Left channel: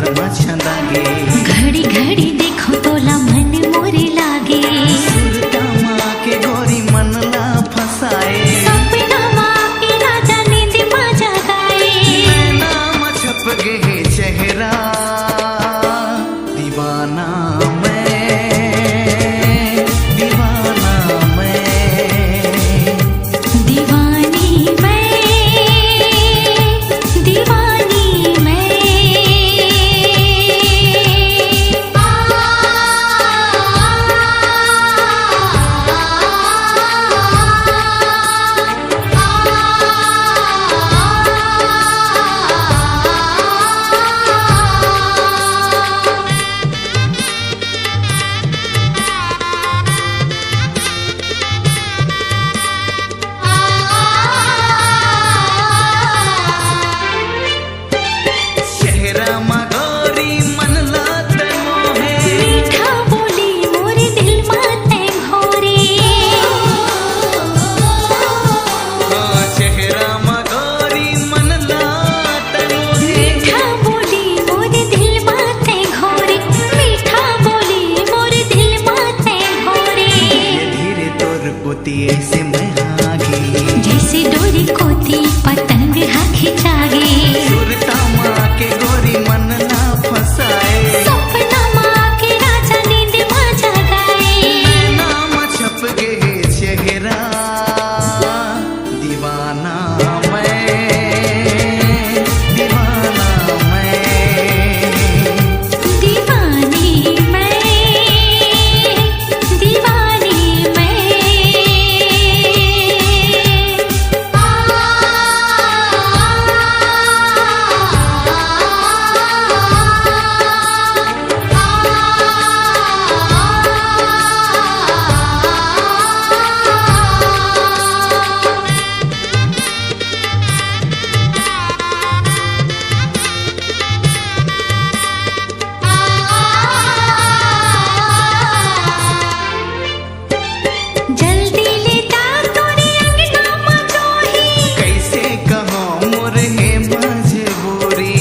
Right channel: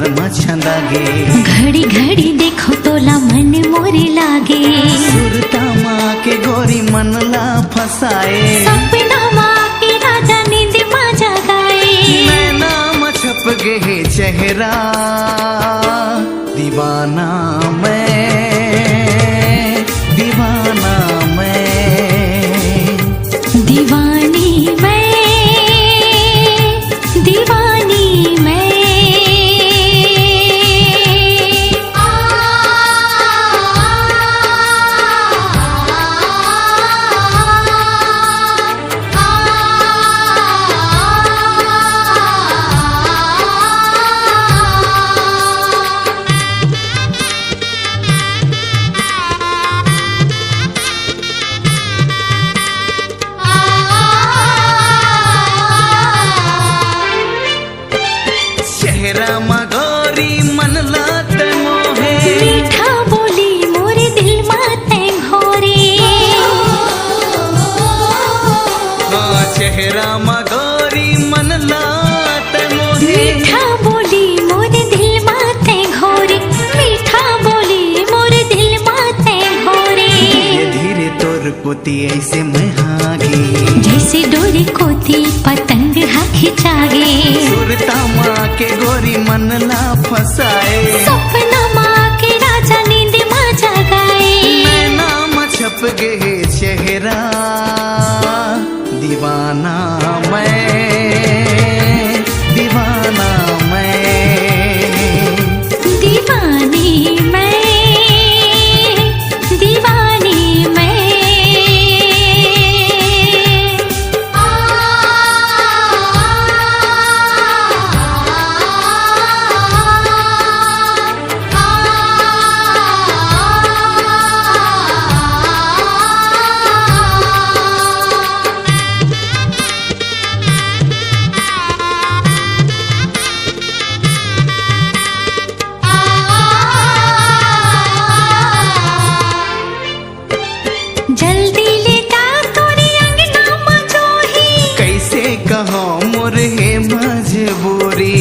डार मछंदागे। घड़ी घड़ी देखो तोला मन मोरे लागे। सुरता माँ के गोरी मन ला फसाए। सपना माँ के राजा नींद माँ जगाए। नैना में छप गे चेहरा दीवाना मैं, दीवाना मैं, दीवानी मैं, दीवानी मैं। चेहरा मा गोरी मन लात मोहे। मीठा बोली मोरे दिल माते घोरे। हाँ चेहरा मा गोरी मन लात मोहे। मीठा बोली मोरे दिल माते घोरे। मीठा बोली मोरे दिल माते घोरे। धीरे धीरे तोर कोती ऐसे मैं हागे। जैसे डोरी कोती पतंग हा खिंचागे। सुरता माँ के गोरी मन ला फसाए। सपना माँ के राजा नींद माँ जगाए। नैना में छप गे चेहरा दीवाना मैं, दीवाना मैं, दीवानी मैं, दीवानी मैं। जल्दी लेता तोरे अंगना में जोही। कैसे कहो मोर है मजबूरी।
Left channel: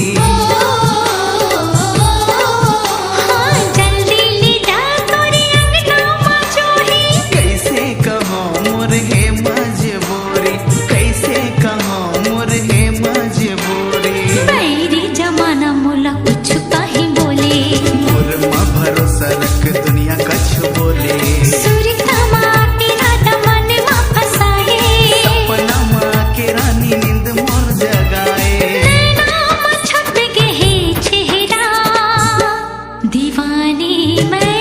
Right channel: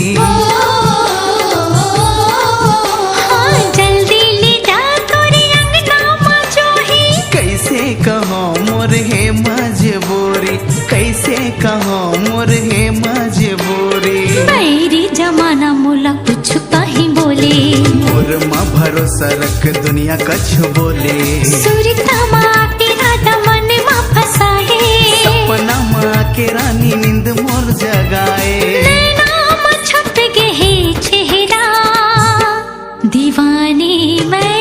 हाँ जल्दी लेता तोरे अंगना में जोही। कैसे कहो मोर है मजबूरी। कैसे कहो मोर है मजबूरी। मेरी जमाना मोला कुछ कहीं बोले। मोर माँ भरोसा रख दुनिया कछ बोले। सुरता माँ के राजा मन माँ फसाए। सपना माँ के रानी नींद मोर जगाए। नैना में छप गे चेहरा दीवानी मैं,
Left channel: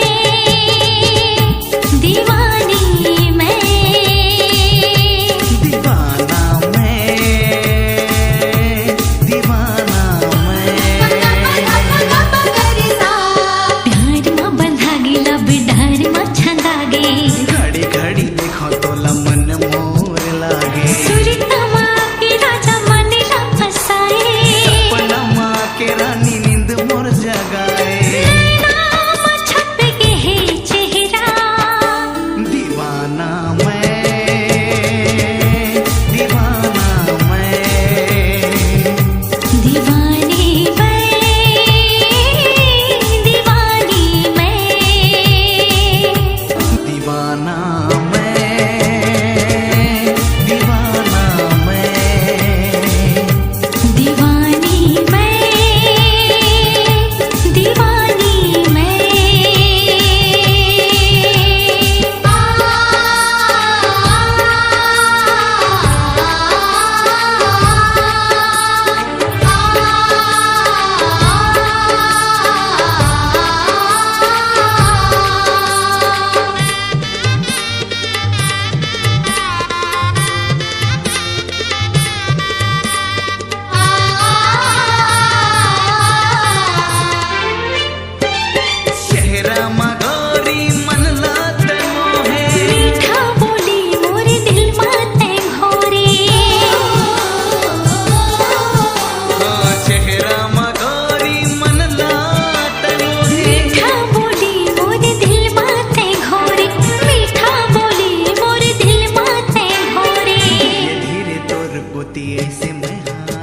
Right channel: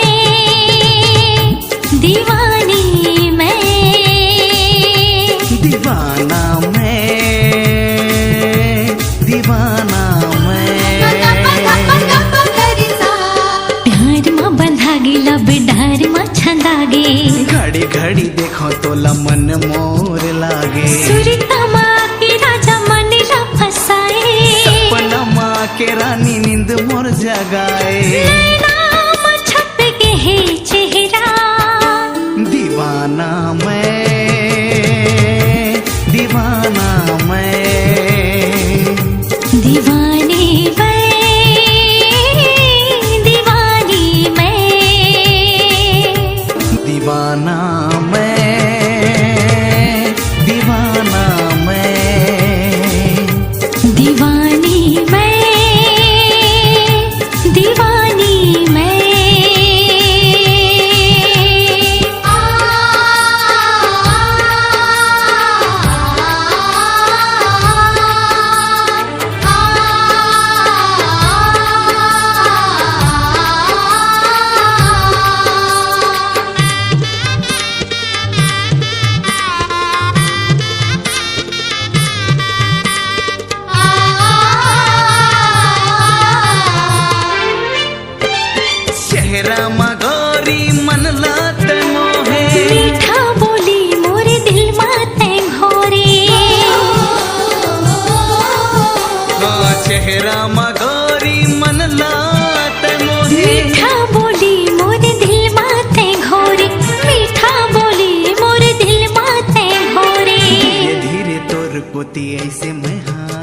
दीवानी मैं, दीवाना मैं, दीवाना मैं। प्यार माँ बंधा गिला बिडार माँ छंदागे। घड़ी घड़ी देखो तोला मन मोर लागे। सुरता माँ के राजा मन ला फसाए। सपना माँ के रानी नींद मोर जगाए। नैना में छप गे चेहरा दीवाना मैं, दीवाना मैं, दीवानी मैं, दीवानी मैं, दीवाना मैं, दीवाना मैं, दीवानी मैं, दीवानी मैं। चेहरा मा गोरी मन लात मोहे। मीठा बोली मोरे दिल माते घोरे। हाँ चेहरा मा गोरी मन लात मोहे। मीठा बोली मोरे दिल माते घोरे। मीठा बोली मोरे दिल माते घोरे। धीरे धीरे तोर कोती ऐसे मैं हाँ